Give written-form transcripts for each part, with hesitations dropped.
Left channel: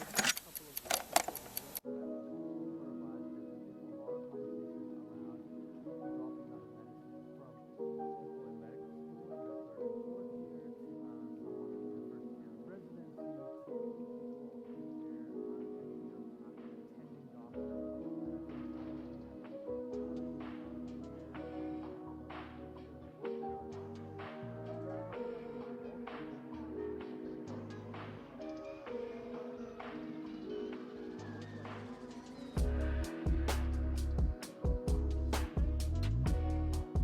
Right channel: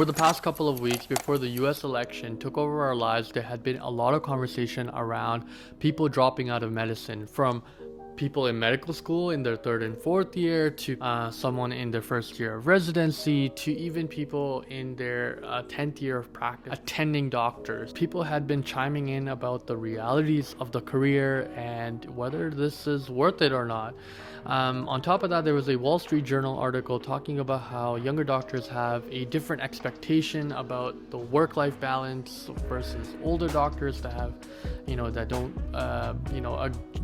Over the past couple of weeks before the US election took over our lives, there had been a lot of conversation around people dropping out of medicine, from people in medical school in their third and fourth year to someone in their first year of residency to even people in their 10th year of practice attending doctors. People had been chiming in about the realities of the career and whether this is worth it or not. On top of that, there was a Wall Street Journal article talking about how younger doctors have a different expectation about the work-life balance versus older doctors that have, that don't,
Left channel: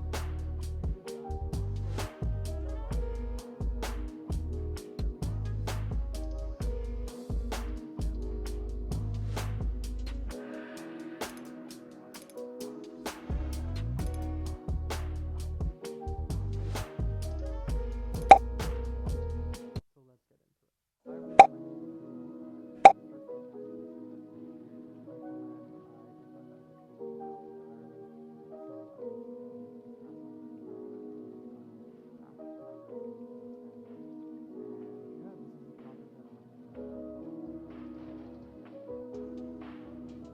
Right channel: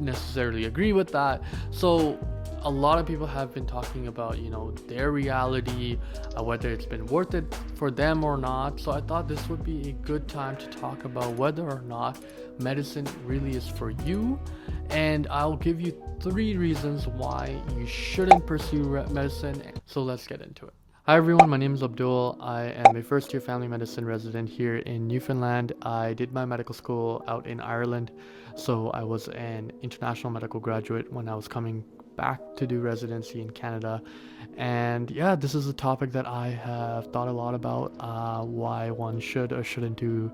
necessarily agree with that. So a lot of people have been talking about, their reality, whether it's been worth it for them or not. So I thought this would be a good time to talk about whether or not medicine really is for you. And I'll give you 3 reasons why you shouldn't pursue medicine. So let's get into it. Hi everyone, my name is Abdul. I am a first year family medicine resident here in Newfoundland. I did my medical school out in Ireland, so I was an international medical graduate when I was coming back to do residency in Canada. And yeah, this is a topic that I have thought a lot about, why one should or shouldn't do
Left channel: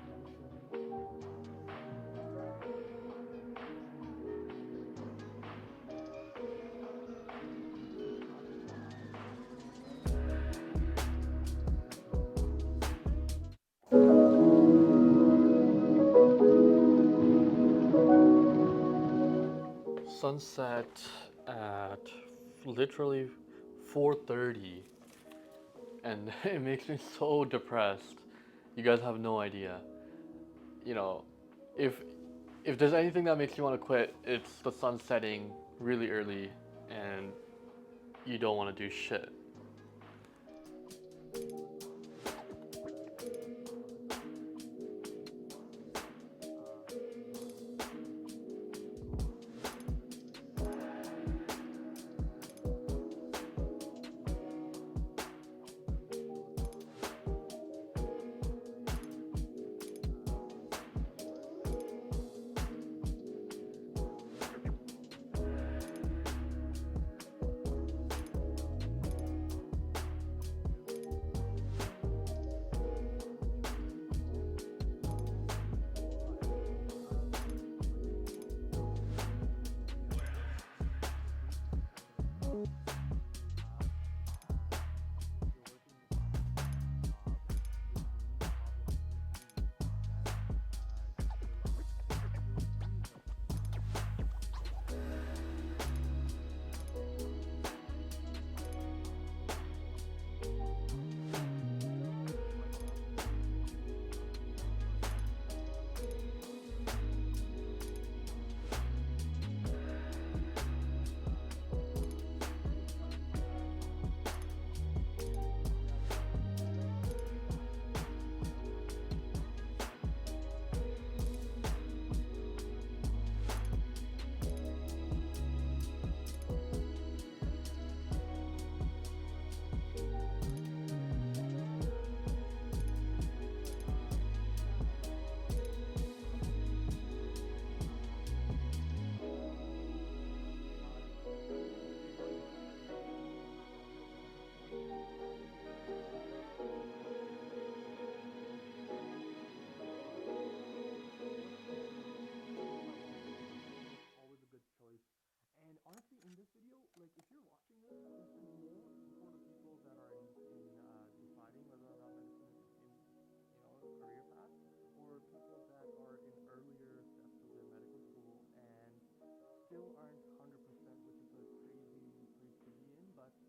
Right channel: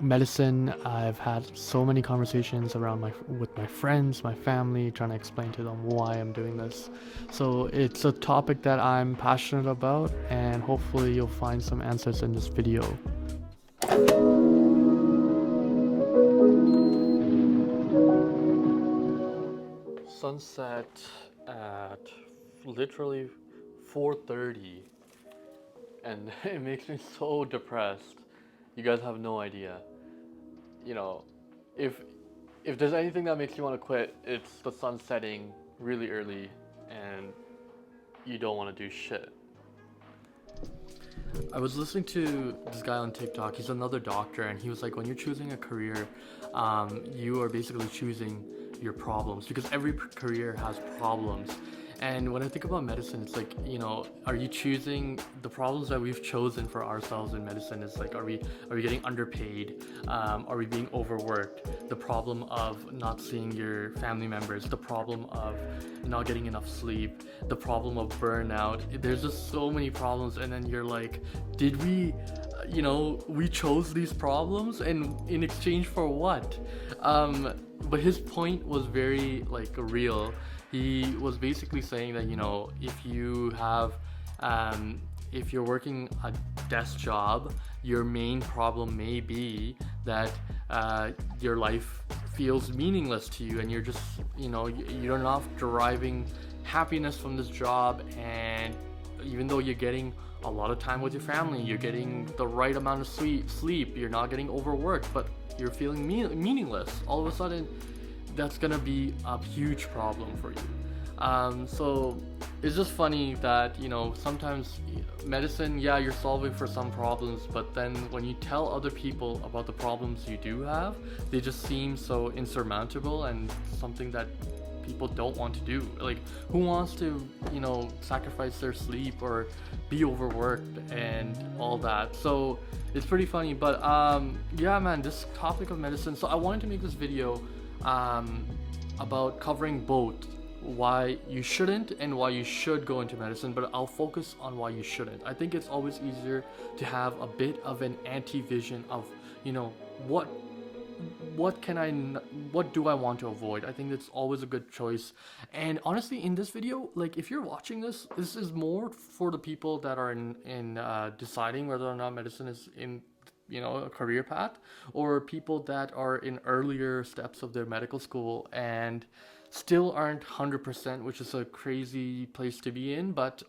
medicine. I've had so many conversations with my friends, my family, trying to explain to them why I'm doing this. So it's a topic that I'm passionate about, and hopefully you'll find some answers in this video. Sunset at literally 4:30, and it makes me so depressed. You guys have no idea. If there's anything that makes you want to quit, it's the sun setting really early and you don't want to do shit. I was listening to this guy on TikTok. He's another doctor, and he was like, when you're choosing a career, you are basically choosing your problems, because every career has problems. And when I think about medicine, it's like, are you choosing the problems that we've chosen for ourselves in medicine? Is like, are we getting underpaid? Are we being overworked? The problem of not seeing your family members, the problem of not getting enough sleep, the problem of burnout. There's just so many problems, and then you're like, did we, we chose these problems, and in exchange for what? But his point was very real. He was basically saying that, if you're working a desk job, your main problem may be that your life feels meaningless to you, and you're just, you're not deriving happiness from this job. And even though you're getting a lot of time with your family, you're getting the right amount of sleep, you're not getting overworked, but you're feeling meaningless, all of a sudden that's gonna be a huge problem for you. So it's just funny that, sometimes medicine, yeah, you're solving for some problems, but then when you tell other people about the problems you do have, they just seem so insurmountable and something that people don't want to do. Like, who wants to, sacrifice their sleep or be overworked and all that? So it's pretty funny. But yeah, man, this topic of medicine. So I wanted to make this video about covering both why you shouldn't and why you should go into medicine, but I'll focus on why you shouldn't. I think it's always easier to have a bit of an anti-vision of, what do I want to avoid. I think it's always a good choice. And honestly, in this video, if you're watching this is more for the people that are in deciding whether or not medicine is in a career path, or people that are in earlier steps of their medical school and still aren't 100%, which is a crazy place to be in. But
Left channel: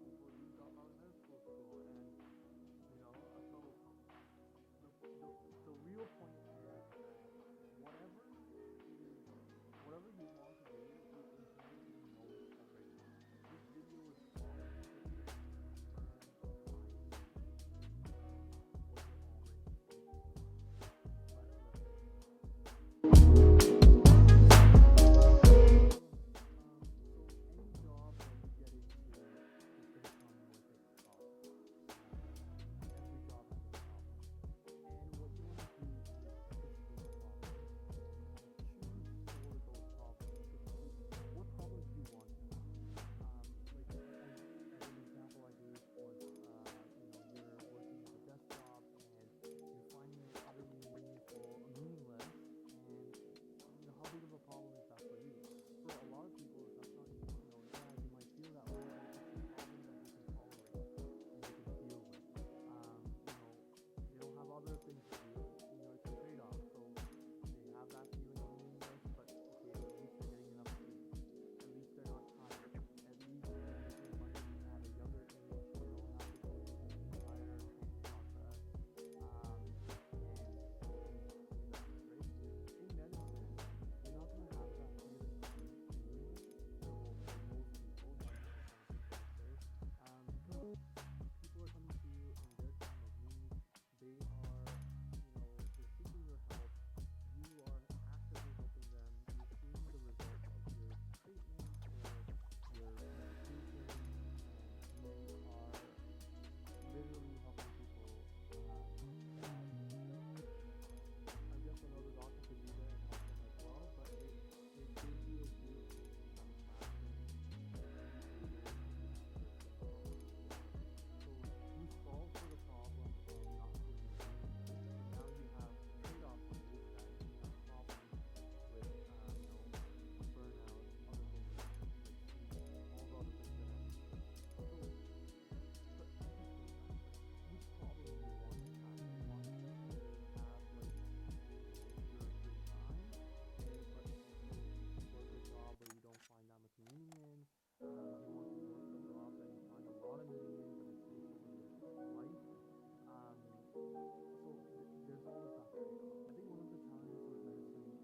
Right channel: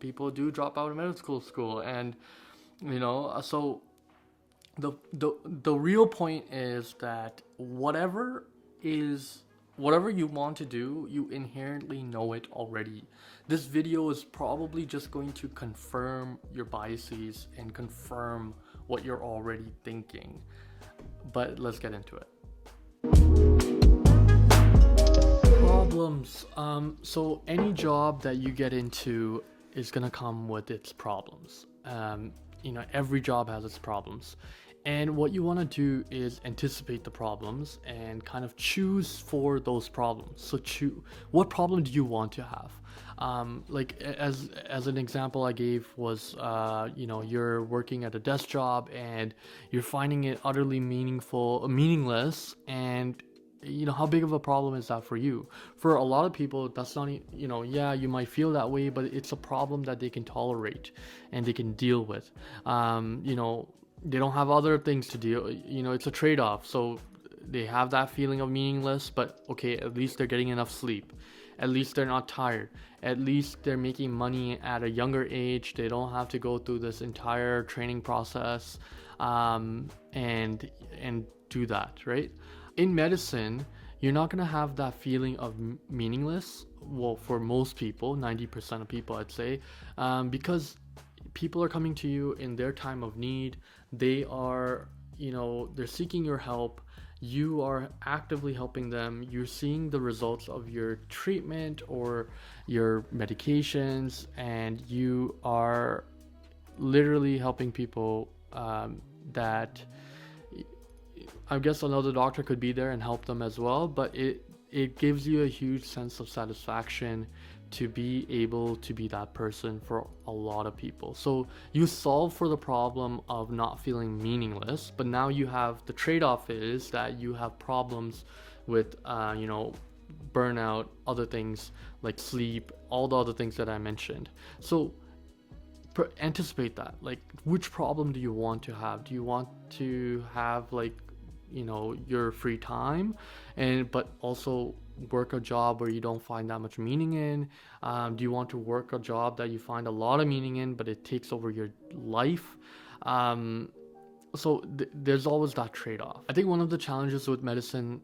people do drop out of medical school, and so the real point is that whatever you want to do, you inherently know it already. This video is probably just going to confirm your biases and confirm what you're already thinking. But let's get into it. Problems. So any job that you get into is gonna come with its problems. Every job has its problems. And what you want to do is anticipate the problems and kind of choose for those problems. So what problem do you want to have? As an example I gave was, you're working at a desk job and you're finding it utterly meaningless, and how big of a problem is that for you? For a lot of people, that's not, yeah, you might feel that way, but it's a problem that they can tolerate and they can deal with. They don't have other things to do. It's a trade-off. So they have that feeling of meaningless, but okay, at least they're getting enough sleep. At least they're not tired. At least they're making money at a younger age. They don't have to go through this entire training process, and do that, right? In medicine, you're not gonna have that feeling of meaningless. Well, for most people, 90% of people, I'd say, because people are coming to you in their time of need. They are, they're seeking your help. You are actively helping them. You're seeing the results of your treatment or your medications, and you are literally helping people, that I guess another doctor could be there and help them as well, but it gives you a huge sense of satisfaction to be able to be that person for a lot of people. So you solve for the problem of not feeling meaningless, but now you have the trade-off is that you have problems with, burnout, other things like sleep, all the other things that I mentioned. So anticipate that. Like, which problem do you want to have? Do you want to have, like, your free time, but also work a job where you don't find that much meaning in? Do you want to work a job that you find a lot of meaning in, but it takes over your life? There's always that trade-off. I think one of the challenges with medicine,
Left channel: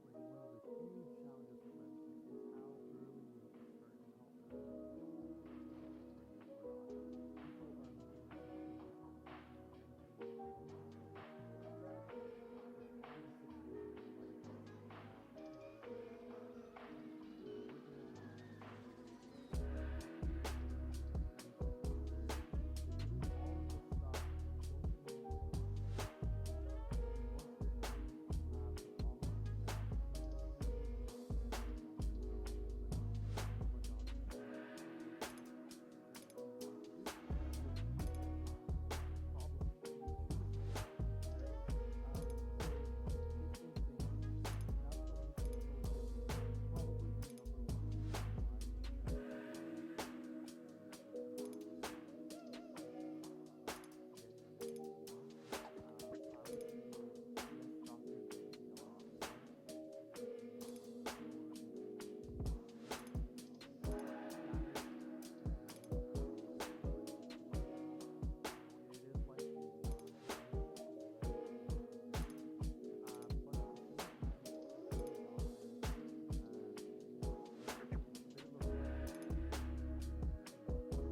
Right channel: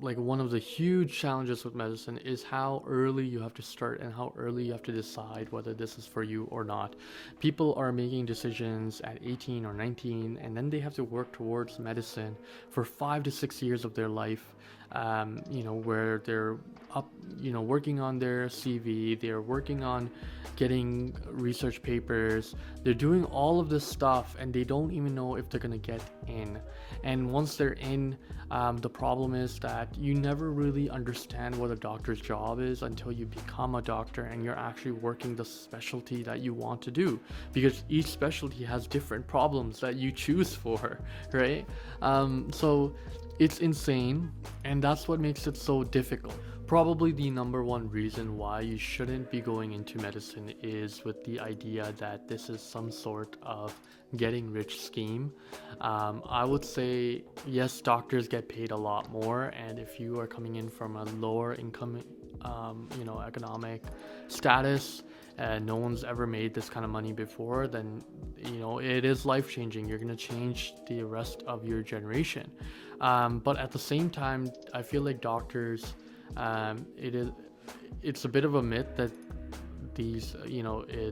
like one of the huge challenges with medicine, is how early you have to start and how early you have to decide whether this is for you or not. People are making decisions at 18 or 19, and then they have to work towards medicine for 5 to 6 years of their life, where they're up, working on their CV, they're working on getting research papers, they're doing all of this stuff, and they don't even know if they're gonna get in. And once they're in, the problem is that you never really understand what a doctor's job is until you become a doctor and you're actually working the specialty that you want to do, because each specialty has different problems that you choose for, right? So it's insane, and that's what makes it so difficult. Probably the number one reason why you shouldn't be going into medicine is with the idea that this is some sort of getting rich scheme. I would say yes, doctors get paid a lot more, and if you are coming in from a lower income, economic status, no one's ever made this kind of money before, then it is life changing. You're gonna change the rest of your generation. But at the same time, I feel like doctors, it's a bit of a myth that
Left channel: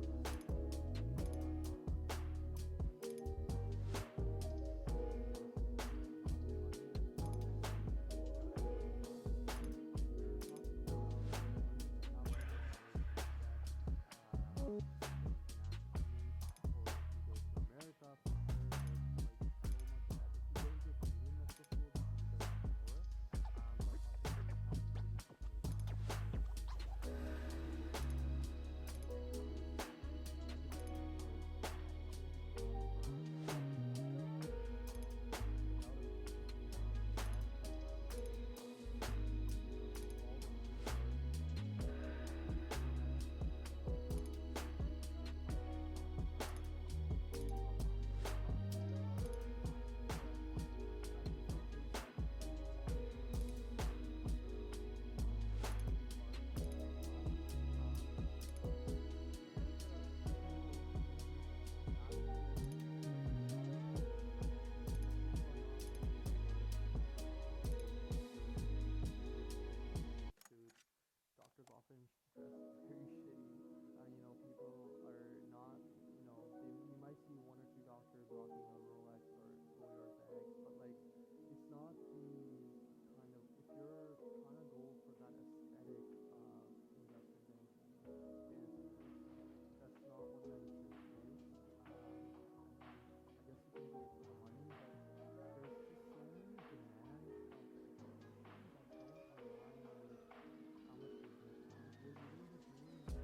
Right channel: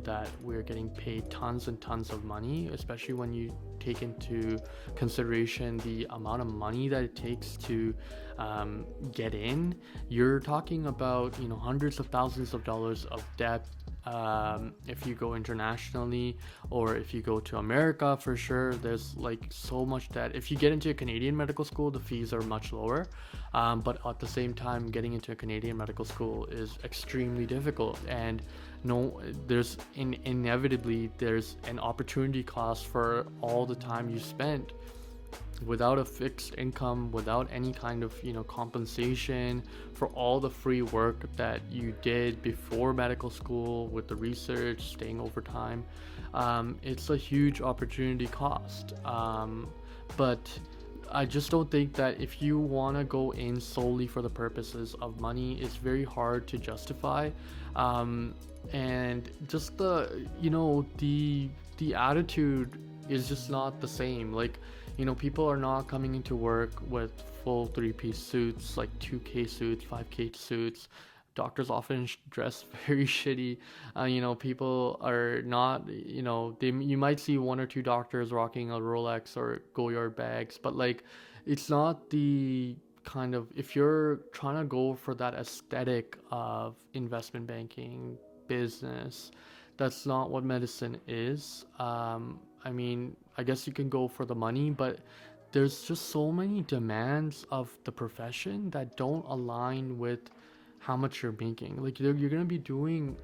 that we're getting paid tons and tons of money, especially when you take into consideration the amount of money that it takes to get in. You're talking about hundreds of thousands of dollars of debt, if you go internationally, or if you go to America. For sure, there's like so much debt. If you get into a Canadian medical school, the fees are much lower, but at the same time, getting into a Canadian medical school is extremely difficult, and inevitably there's an opportunity cost for all the time you spent without a fixed income, without any kind of compensation for all the free work that you did before medical school with the research, staying overtime. It's a huge opportunity cost, but I just don't think that if you want to go in solely for the purposes of money, it's very hard to justify. And just the attitude is just not the same. Like, people are not coming into work with full 3-piece suits, like 2K suits, 5K suits. Doctors often dress very shitty. People are not, you might see one or two doctors rocking a Rolex or Goyard bags, but like, it's not the kind of, if you're trying to go for that aesthetic of investment banking business, that's not what medicine is. I guess you can go for the money, but there's just so many demands of the profession that don't align with how much you're making. Like you're gonna be doing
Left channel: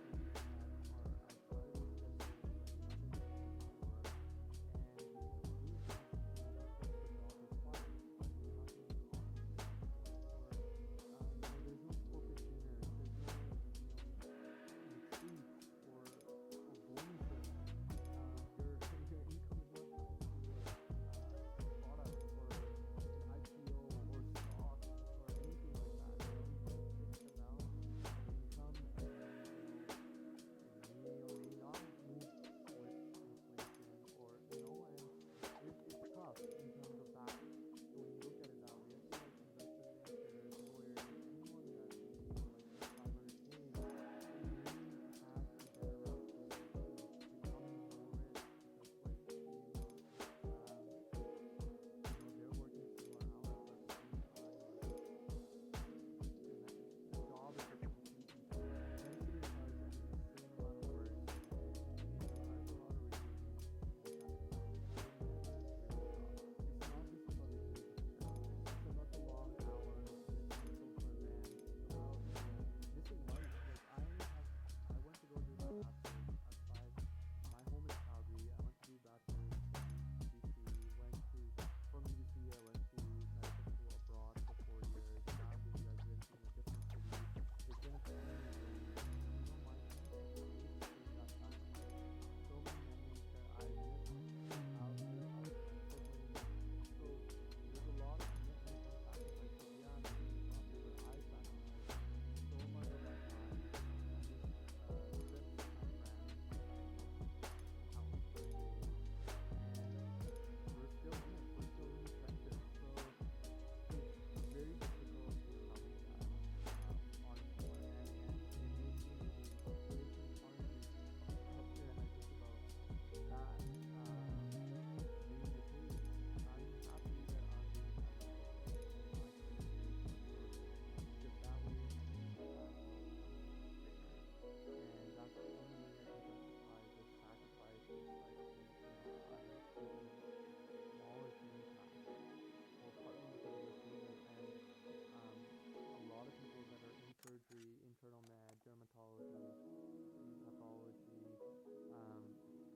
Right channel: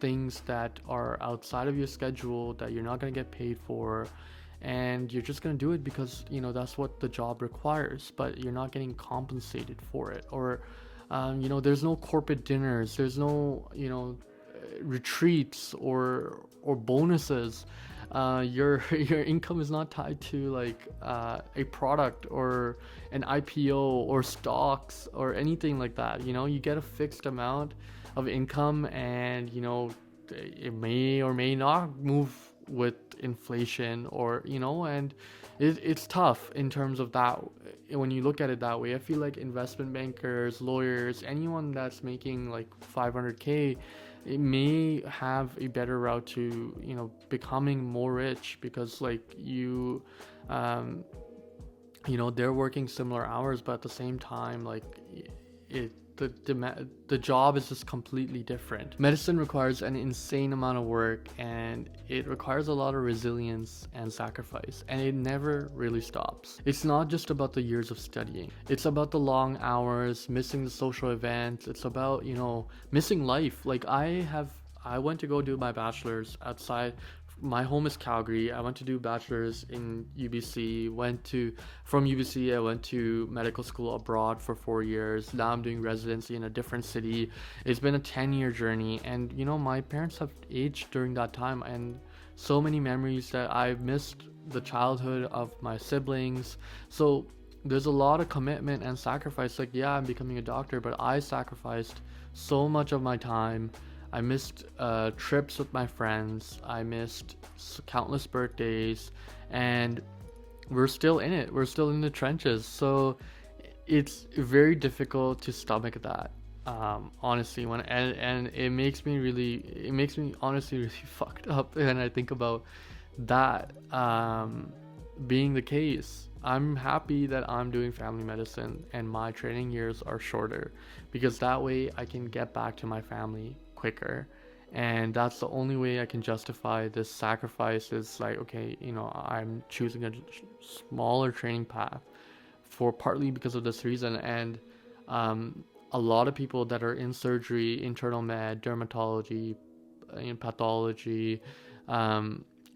things that are outside of your schedule that you're not gonna get paid for, and you're just gonna do it because that's what the job requires, but you're not getting compensated for it. Or there's no corporate dinners, there's no retreats or bonuses. Your income is not tied to like a product or an IPO or stocks or anything like that. You get a fixed amount of income, and it may or may not move with inflation, or and it's tough in terms of that. When you look at it that way, I feel like investment bankers, lawyers, anyone that's making like 500k, it may have a better route to becoming more rich, because like they're working similar hours, but at the same time, like it the job is just completely different. Medicine requires an insane amount of work, and it requires a lot of resilience and sacrifice, and it never really stops. It's not just about the years of studying, it's about the long hours, missing the social events. It's about missing life. Like I went to go do my bachelor's outside. My home is Calgary. I went to do bachelor's in UBC. From UBC, I went to medical school abroad for 4 years. Now I'm doing residency in a different city. It's been a 10-year journey, and my parents have aged during that time, and so many memories that I've missed the childhood of my siblings. So there's a lot of commitment and sacrifice. Like, yeah, I'm becoming a doctor, but I sacrificed so much of my time. I missed trips with my friends. I missed countless birthdays, and we're still in it. We're still in the trenches. So it's very difficult to stomach that, honestly. And it makes me honestly really fucked up when I think about that being the case. I'm happy that I'm doing family medicine and my training years are shorter, because that way I can get back to my family quicker, and that's the only way I can justify this sacrifice. Is like, okay, I'm choosing a smaller training path for partly because of this reason. And a lot of people that are in surgery, internal med, dermatology, in pathology,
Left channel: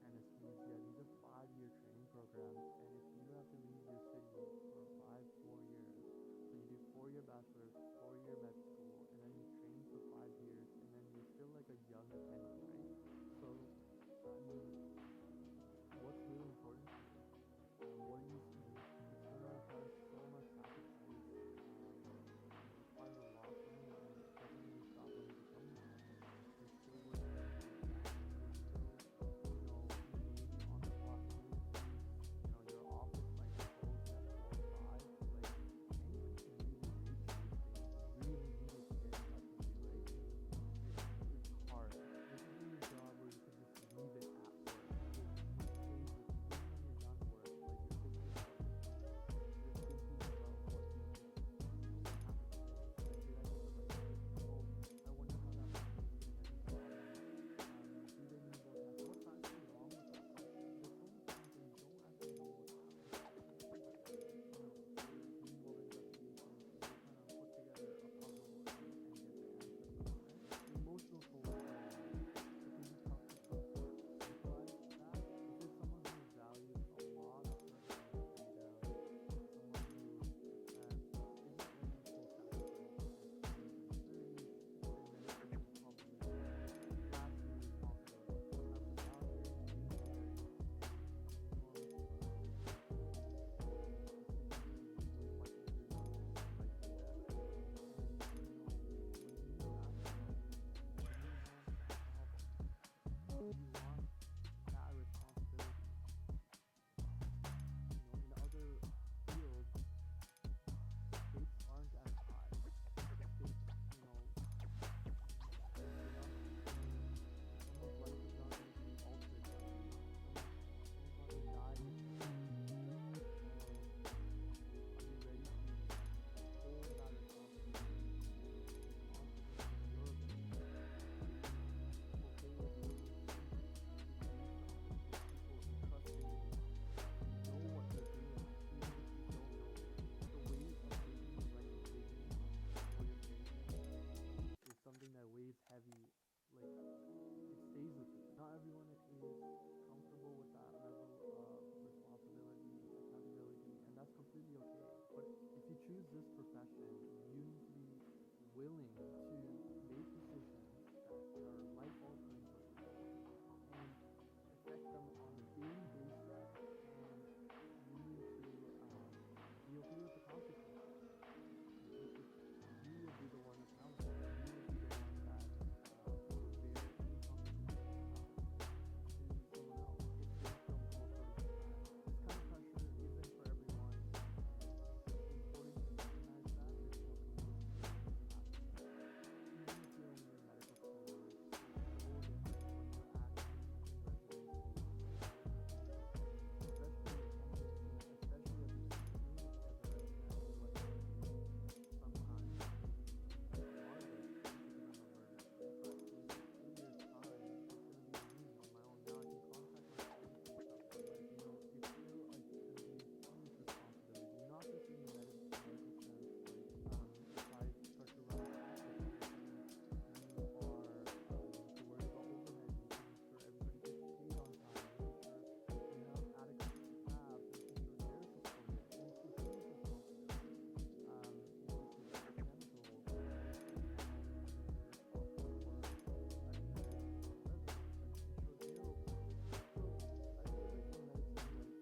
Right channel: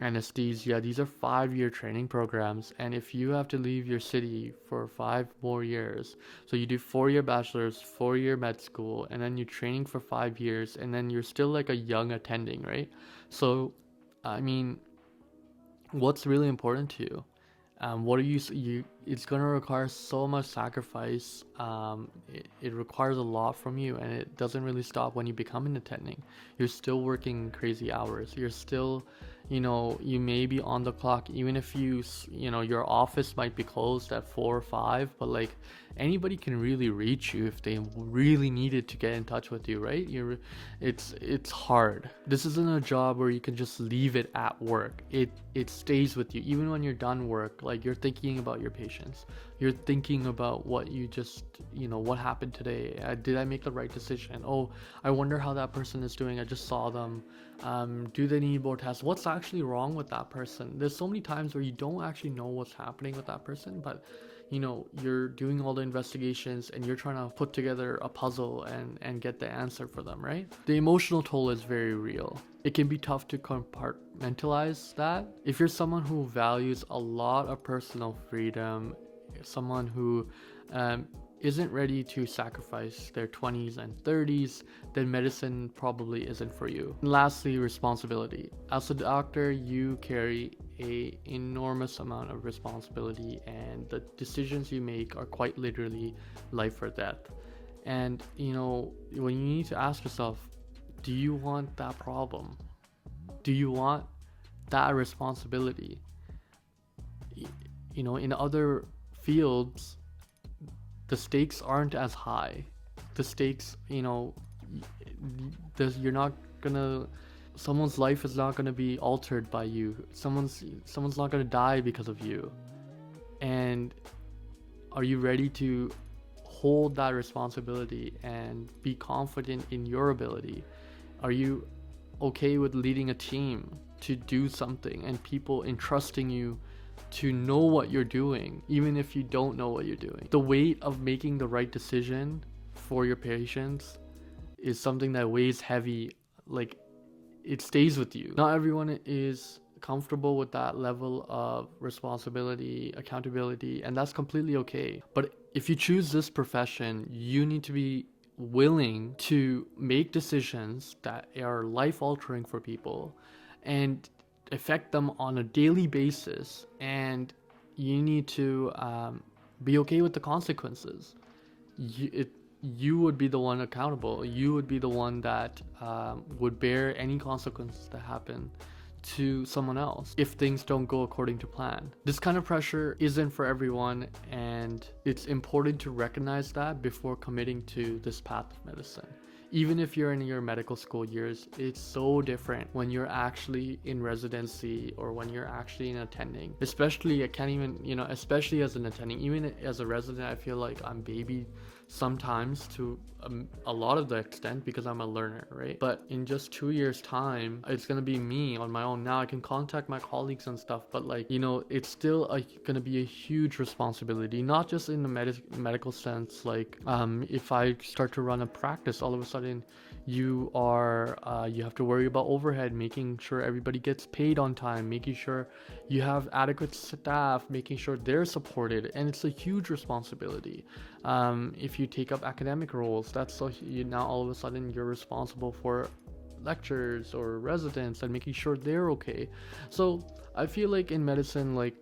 anesthesia, these are 5-year training programs, and if you have to leave your city for 5 more years, so you do 4-year bachelor's, 4-year med school, and then you're training for 5 years, and then you're still like a young attending, right? So I mean, what's really important to you? What are you it's going to require so much sacrifice. It requires a lot from you, and it doesn't really stop when you become an attending. You're still working crazy hours. You're still you may be on the clock, even if your office might be closed at 4 or 5, but like anybody can really reach you if they really needed to get in touch with you, right? It's hard. This isn't a job where you can just leave it at work. It stays with you even when you're done work. Like, you're thinking about your patients, you're thinking about what you just what happened today. Did I make the right decision? Oh, I wonder how that person is doing. I just saw them. Do they need more tests? What's actually wrong with that person? There's so many times where you don't actually know what's happening with that person, but you're doing all the investigations and you're trying to put together a puzzle and get the answer for them, right? The emotional toll is very real. It can be tough to compartmentalize that. If you're someone who values a lot of personal freedom, someone who isn't ready to sacrifice their 20s and 30s, then medicine probably isn't for you. And lastly, responsibility. As a doctor, you carry a enormous amount of responsibility, and the decisions you make are quite literally life or death. And when you need to ask yourself, do you want that problem? Do you want that responsibility? In other fields, the stakes aren't as high. The stakes, you're not gonna, someone's life is not gonna be altered by you. Someone's not gonna die because of you. And are you ready to hold that responsibility and be confident in your ability? Are you okay with leading a team to do something and people entrusting you to know what you're doing, even if you don't know what you're doing? The weight of making the right decision for your patients is something that weighs heavy. Like, it stays with you. Not everyone is comfortable with that level of responsibility, accountability, and that's completely okay. But if you choose this profession, you need to be willing to make decisions that are life altering for people and affect them on a daily basis, and you need to be okay with the consequences. You would be the one accountable. You would be the one that would bear any consequences that happen to someone else if things don't go according to plan. This kind of pressure isn't for everyone, and it's important to recognize that before committing to this path of medicine. Even if you're in your medical school years, it's so different when you're actually in residency or when you're actually in attending. Especially, I can't even, especially as an attending, even as a resident, I feel like I'm babied sometimes to a lot of the extent because I'm a learner, right? But in just 2 years time, it's gonna be me on my own. Now I can contact my colleagues and stuff, but like, it's still gonna be a huge responsibility, not just in the medical sense. Like if I start to run a practice, all of a sudden you have to worry about overhead, making sure everybody gets paid on time, making sure you have adequate staff, making sure they're supported, and it's a huge responsibility. If you take up academic roles, that's now all of a sudden you're responsible for lectures or residents and making sure they're okay. So I feel like in medicine, like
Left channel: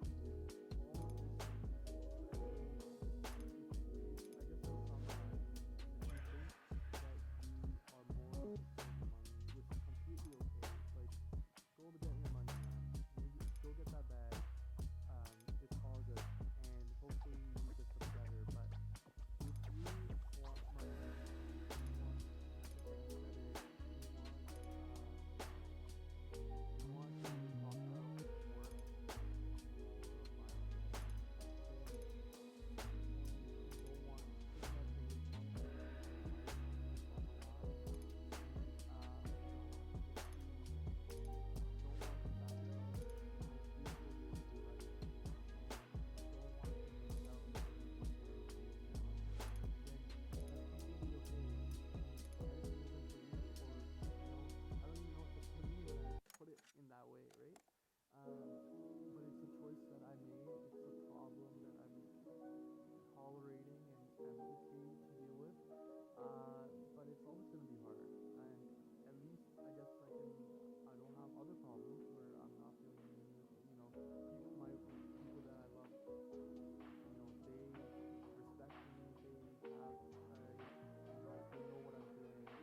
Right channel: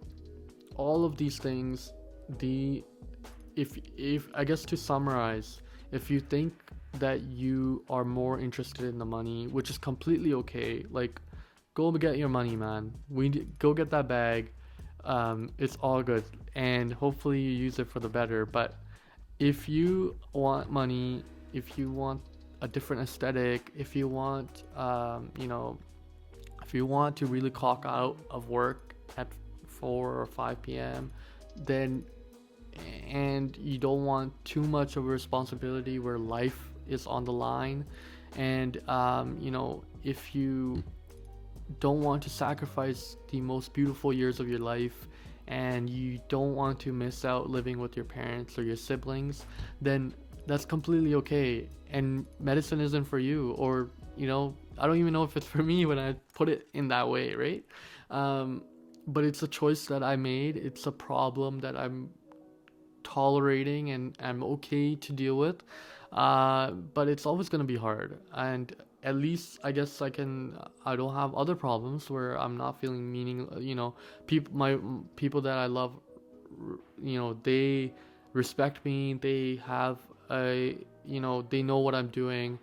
all of these things, if I guess to summarize, if you think that you are more interested in the money, which is completely okay, like go get your money, man. Go get that bag. It's all good, and hopefully you use it for the better. But if you want money, if you want a different aesthetic, if you want if you want to really clock out of work at 4 or 5 p.m., and you don't want too much of a responsibility where life is on the line, and if you don't want to sacrifice the most beautiful years of your life, and you don't want to miss out living with your parents or your siblings, then that's completely okay. And medicine isn't for you, or I don't even know if it's for me when I put it in that way, right? But it's a choice that I made. It's a problem that I'm tolerating and I'm okay to deal with. But it's always going to be hard, and at least I guess I don't have other problems where I'm not feeling people that I love, they respect me, they have they know what I'm doing,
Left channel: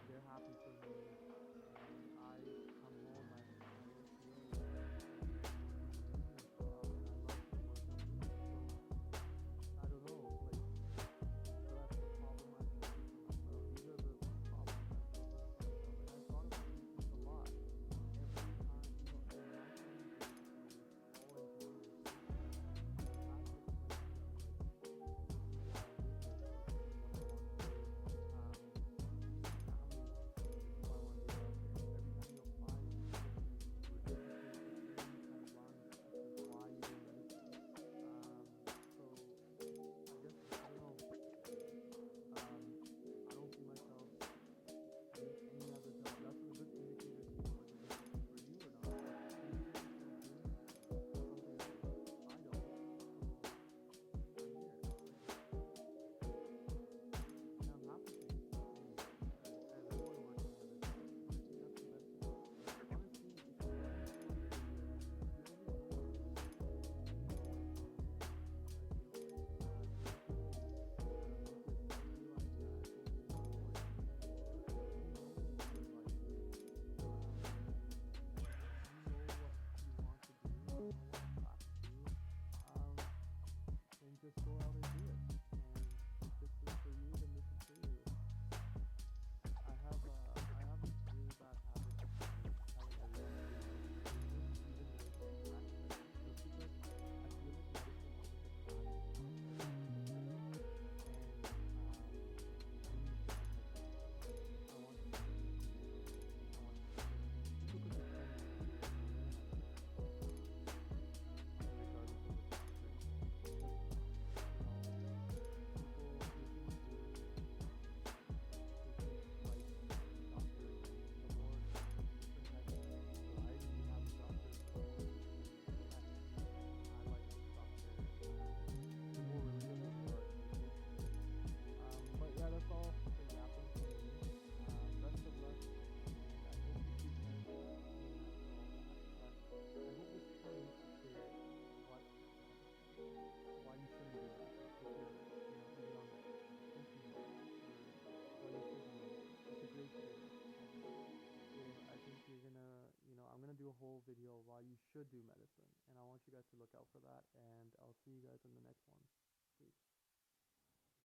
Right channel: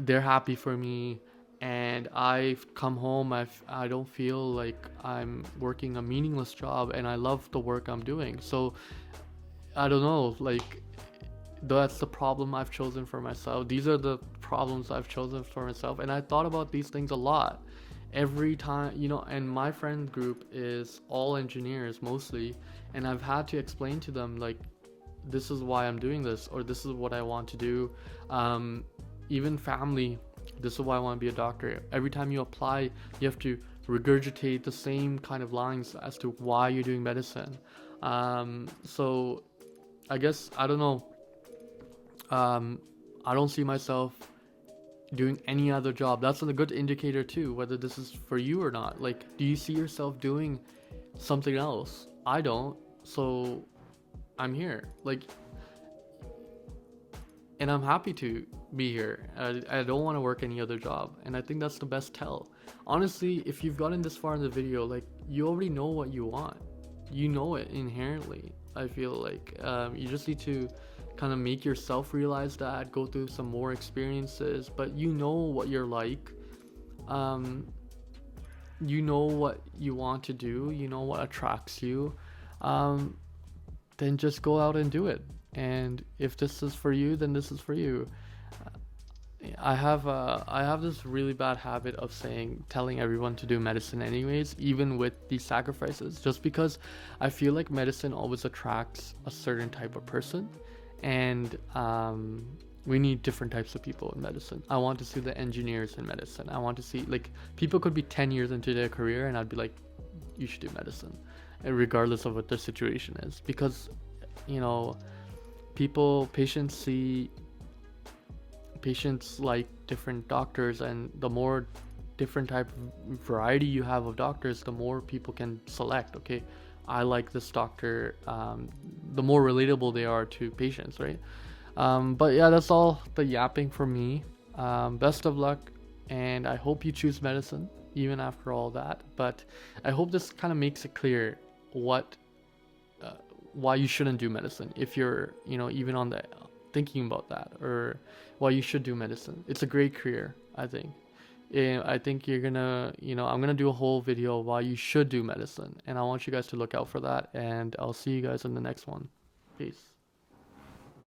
they're happy for me, and I've come home, I don't feel like I'm working a meaningless job, and I love the work I'm doing. So I don't know, like that's the problem I've chosen for myself. These are the problems I've chosen for myself, and I thought about these things a lot every time, and my friend group is all engineers mostly, and I've had to explain to them, like, this is why I'm doing this, or this is what I want to do. Even family, this is why I want to be a doctor. Every time you apply, you have to regurgitate the same kind of lines as to why you're doing medicine. So I guess, I don't know, I don't see myself doing any other job. That's a good indicator too, whether this is for you or not. Like, do you see yourself doing something else? I don't, so I'm here. Like, and I'm happy to be here. I don't want to work any other job, and I think that's the best tell. Honestly, if you've gotten this far in the video, like, you already know what you want. You know it inherently. I feel like you just need to kind of make yourself realize that, go through some more experiences, but you know what you're like, you know what you want to do, you know what attracts you, then just go out and do it. And if this is for you, then this is for you. I have this really bad habit of telling everyone to do medicine anyways, even with these sacrifices, just because I feel like medicine always attracts a certain type of person, and we need different types of people in medicine. I want to see the engineers in medicine. I want to see, like, people could be 10 years into their career and I'd be like, you should do medicine, and regardless of what their situation is, because patients see patients like different doctors, and the more different type of variety you have of doctors, the more people can select. Okay, I like this doctor. The more relatable they are to patients, right? But yeah, that's all the yapping for me. Best of luck, and I hope you choose medicine even after all that. But I hope this kind of makes it clear what uh, why you shouldn't do medicine if you're, even on the thinking about that, or why you should do medicine. It's a great career, I think. And I think you're gonna, I'm gonna do a whole video why you should do medicine, and I want you guys to look out for that. And I'll see you guys in the next one. Peace.